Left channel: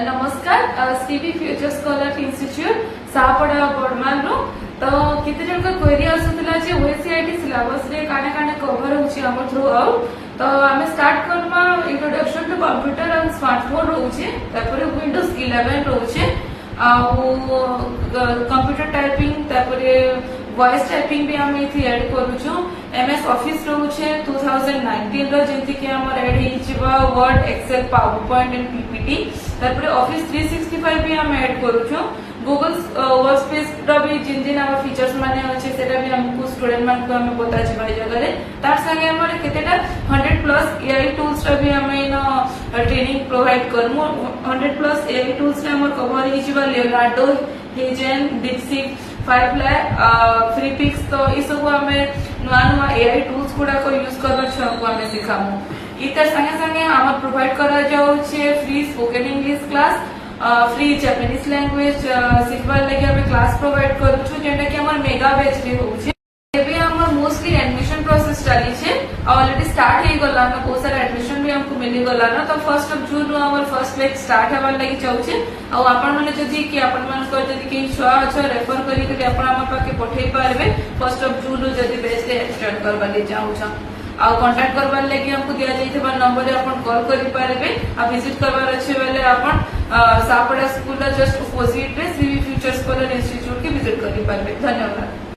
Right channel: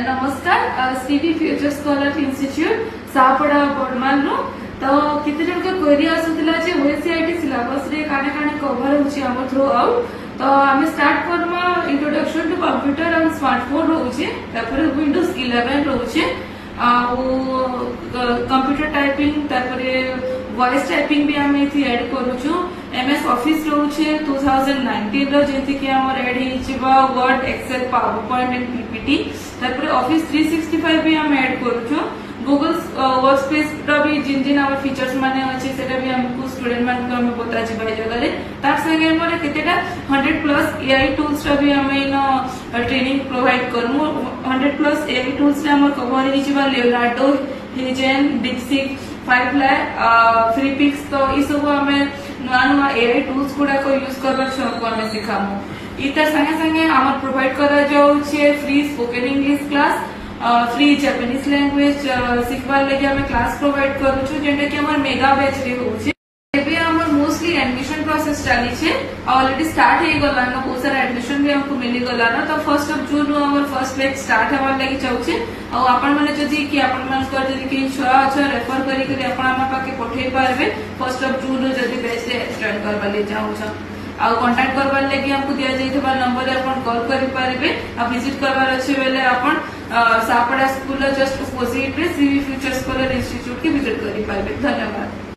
नमस्कार Stevie future Scholar institute सापड़ा बर्माल रो तो केते जन का क्वेरी आसुतला जे ओएसआईटी सिलेबस रे काने काने कवर होची हमर थ्रू आउट तो हमें स्टार्ट करमा introduction to computer and smartphone रोचे तापर विंडोज 11 रोचे कंप्यूटर टाइपिंग तापर वॉइस टाइपिंग भी हम एथि ऐड करूछु एमएस ऑफिस रोचे 2019 रो जेति के हमर ऐड हिचिबा Word Excel PowerPoint and PPT तापर ऑफिस 365 भी हम ऐड करूछु गूगल वर्कस्पेस रो भी जिन जिन आवर फीचर्स माने अछि सेटा भी हमकु स्टूडेंट मान को हम बता छी भाई जगह रे तार संगे हमरे केतेटा 100 प्लस एआई टूल्स रो भी हम इन ट्रेनिंग प्रोवाइड करमु 100 प्लस एआई टूल्स रे हमर कवर हिचिबा Leonardo HeyGen DeepSeek Firefly Freepiks तो ई सब हमें नुआ नुआ एआई टूल्स गुडा को यूज करबा छको हमें सिखामु इतर संगे संगे हमर प्रोवाइड करा जाउ छे free spoken English class free Japanese language सिखवा लगे हमें क्लास प्रोवाइड करू छु जेंटा कि हमर मेगा बैच रे होउछे एबे हमर मोस्टली एडमिशन प्रोसेस चली छे ऑलरेडी स्टार्ट हे गला न बहुत सारा एडमिशन भी हमको मिली गला न तो 1 जून नो हमर फर्स्ट बैच स्टार्ट हेबार लागि चाउछे आ आपण माने जदी कि आपण मान कर जदी कि छुआ छ रेफर करी के आपण हमर पाके पठेई पारबे 1 जून जदी बैच रे स्टार्ट करबा ले जाउ छ आ कांटेक्ट करबार लागि हमको दिया जाइतबा नंबर रे आपण कॉल करि पारबे आ विजिट करबार अछि बेले आपण सापड़ा स्कूल जस्ट अपोजिट रे सीवी फ्यूचर स्कॉलर इंस्टीट्यूट के विजिट करि पारबे। धन्यवाद।